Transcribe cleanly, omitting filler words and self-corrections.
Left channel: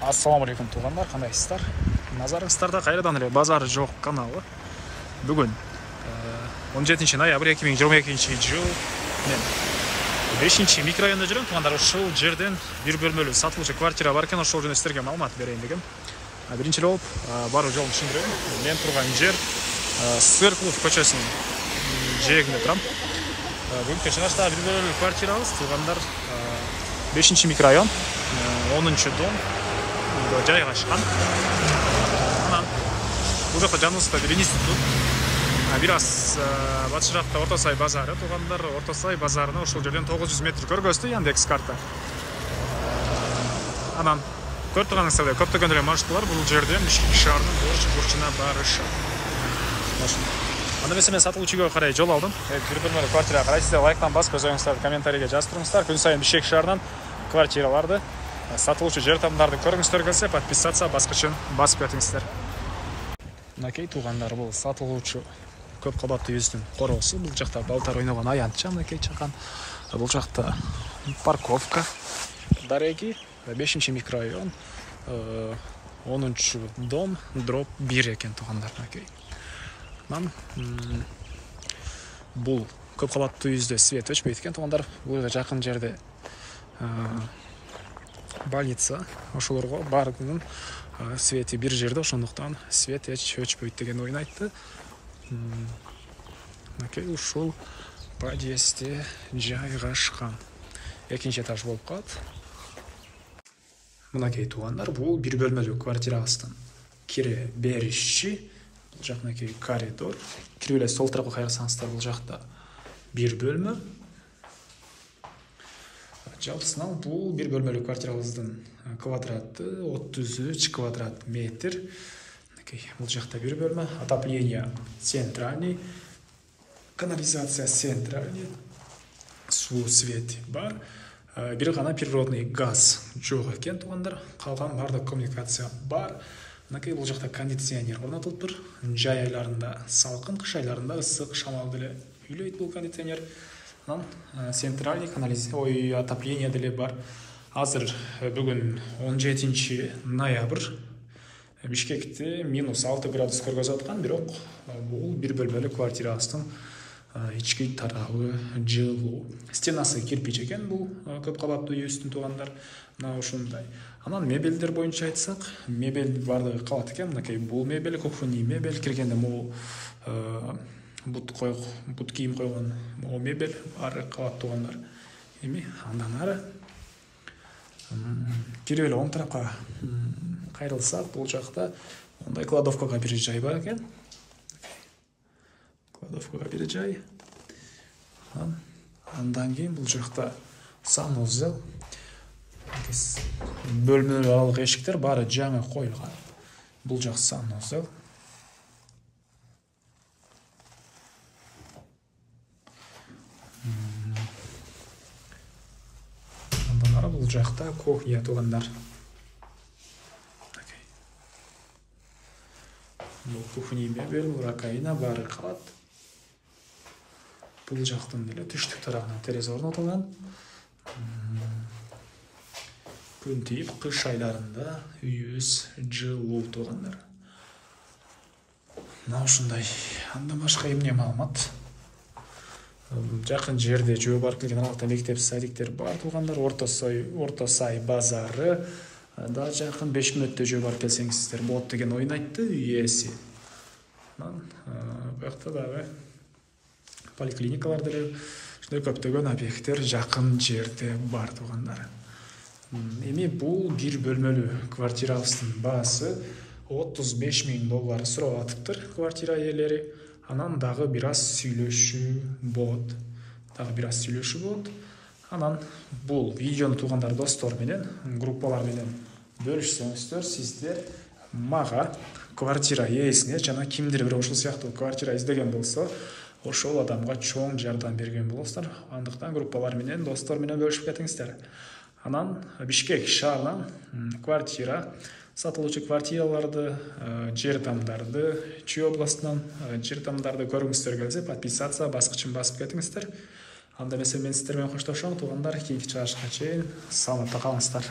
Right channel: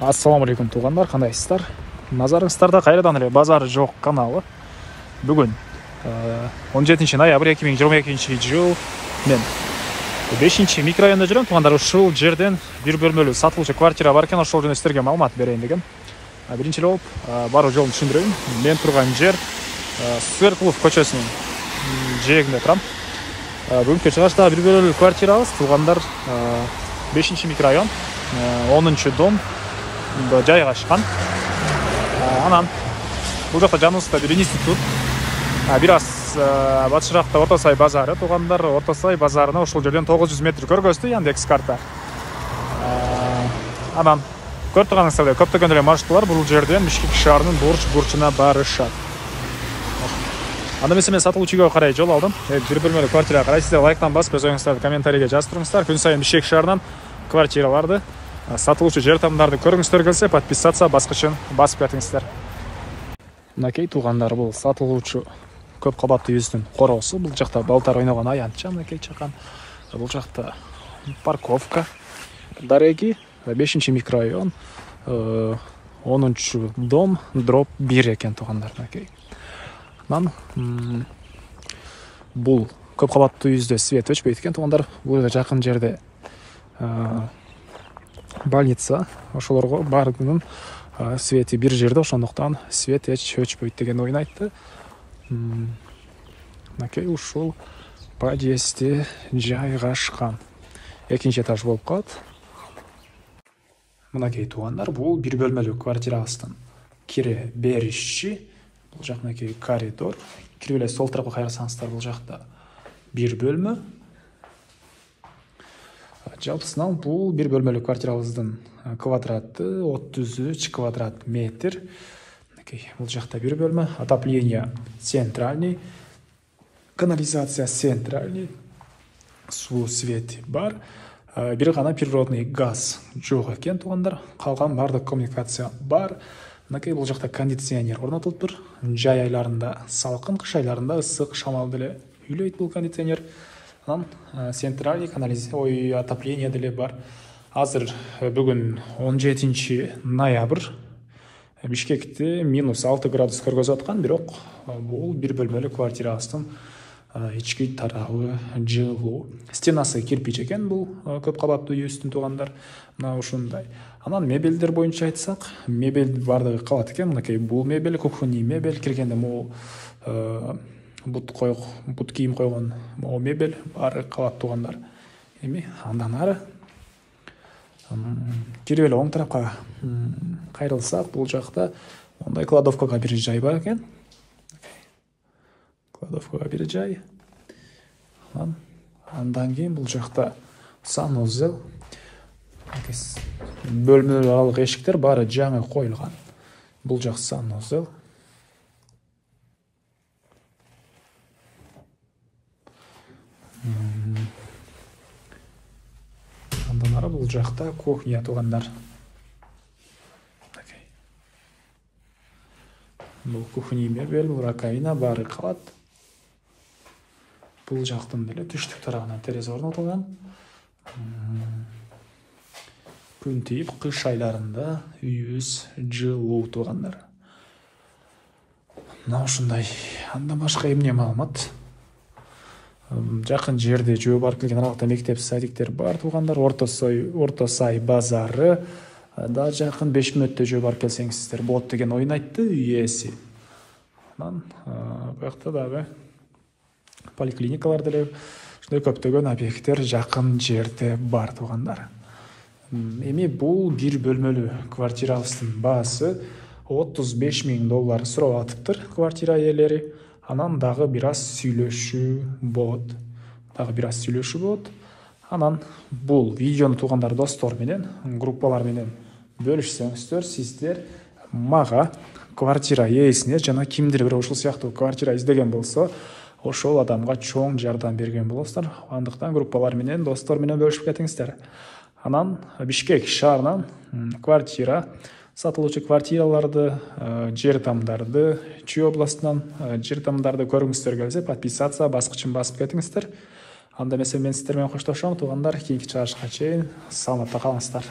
Ассаламу алейкум туғандар, қандайсыздар? Назарыңыздарда қайрадан эле базары жоқ каналы. Бүгін 17 ноябрь 2022 жыл мен 5 микрорайонда жүрем. Туғандар, ушул жерден бир бөлмөлүү сатылуучу квартира бар экен, ошол жөнүндө сиздерге маалымат берейин дегем. Биринчи болуп баруу жолун түшүндүрөйүн. Мен турган жер Свердлов көчөсүнүн жээгинде турам. Бүгүнкү чыгышта бир бөлмөлүү квартирабыз. Туғандар, 5 микрорайон, 10 дом жайгашкан. Анан бул жакта жаныбызда бир институт, бир аз батышыракта Орто Сай базары. Туғандар, Орто Сай базарына ошол жерден 900 метр көргөздү Яндекс карта. Анан көрүп турганыңыздардай көптөгөн эле маршруттар бул жерден Бишкек шаарынын бурчуна барышат. Анда мен сатылуучу үйгө карай жол алдым. Бир бөлмөлүү квартира карай. Сиздер лайктан басып, өз оюңуздарды комментарийге жазып туруңуздар. Күн сайын Бишкек шаарынан квартираларды, сатылуучу жер тамдарды көргүңүздөр келсе, подписаться баскычын басып кетиңиздер. Мынакей туғандар, бул сатылуучу көп кабаттуу үйүбүздүн короосу. Бул жакта балдар ойногон аянтча мынакей чакан. Бул жакта парковка. Дареги 5 микрорайон, 10 дом, дроп 1 экен туғандар мынакей. Бул көп кабаттуу үйүздө свет өчпөйт экен туғандар. Бул жакын жерде больница, ошолорго баарынын свети бир жерде, ошондуктан свет эч өчпөйт деген ойун айтты. Мынакей ушул подъездде жайгашкан. Экинчи этаж болуп калат. Мынакей туғандар, бул бир бөлмөлүү квартирабыздын кире бериши. Бул жак мынакей коридор. Кирип эле сол тарапка кайрылсаңыздар, бул жакта бир бөлмө. Жалпысынан бул бир бөлмөлүү квартирабыздын квадраты 33 квадрат метр. Бул жакта бир бөлмө, отопление центральный, канализация центральный, суу свет бар. Бир гана природный газ жок экен туғандар. Калган бардык коммуникация бар. Бул жакта кондиционер орнотулуптур. Жай айларында салкын, кыш айларында ысык, шамал деле үйлөйт бул кондиционер. Центральный канализация, отопление деле бар. Азыр бүгүн 17 ноябрь. Бишкекте -6 градус көргөзүп аткан, бирок бул бир бөлмөлүү квартирабыздын ички тарабы жылуу. Стенасы кирпич экен бул көп кабаттуу үйүбүздүн туғандар. Мына ушундай. Анан мебелдер боюнча айтсак, мебель бардыгы кабат экен. Мынакей бул мебель, кухонный мебель, киргенде могу бут кийим койгон мебель баары кабат туғандар. Эми андан ары кирип эле оң тарапка кайрылсак, бул жакта мындай кладовкага бир жай бар экен. Кладовкага бир жай. Андан кийин бул жакта санузел. Бөлмөлүү аралык эшиктер баары жаңы коюлган. Бул жак санузел. Андан ары бул жакта кухня туғандар. Бул кухонный мебель, раковина баары кабат. Бул жактын деле түштүк тарабына терезе орнотулган. Күн тийип, кыш айларында үйүбүз жылуу туғандар. Мына ушундай. Андан башка эмне маалымат? Жакын жерде жөө барып келген аралыкта мектеп, садиктер бар туғандар. Орто Сай базары да жакын 5 мүнөттө жөө барып келсеңиздер болот деген оюн айтты ээси. Анан бuyakta дагы поликлиникалар деле ушундай көптөгөн объекттер жакын жерде бар туғандар. Эми бул бир бөлмөлүү квартирабыздын баасы $35,000 сурап атыптыр квартира ээлери. Анан дагы бир аз сүйлөшүү болот. Анан бул видеону туғандар достор менен, группалар менен бөлүшсөңүздөр, сиздер мага квартира ээсине жана кимдир бир ушул сыяктуу квартира издеген болсо, ошол адамга чоң жардам берген болосуздар. Андыктан группалар менен, достор менен бөлүшүп кетиңиздер. Анан Бишкек шаарынан квартира, сатылуучу квартираларды, жер тамдарды, Чүй областынан жер тамдарды көргүңүздөр келсе, подписаться баскычын басып кетиңиздер. Анда мен сиздер менен коштошом туғандар. Кийинки чыгышка чейин саламатта калыңыздар.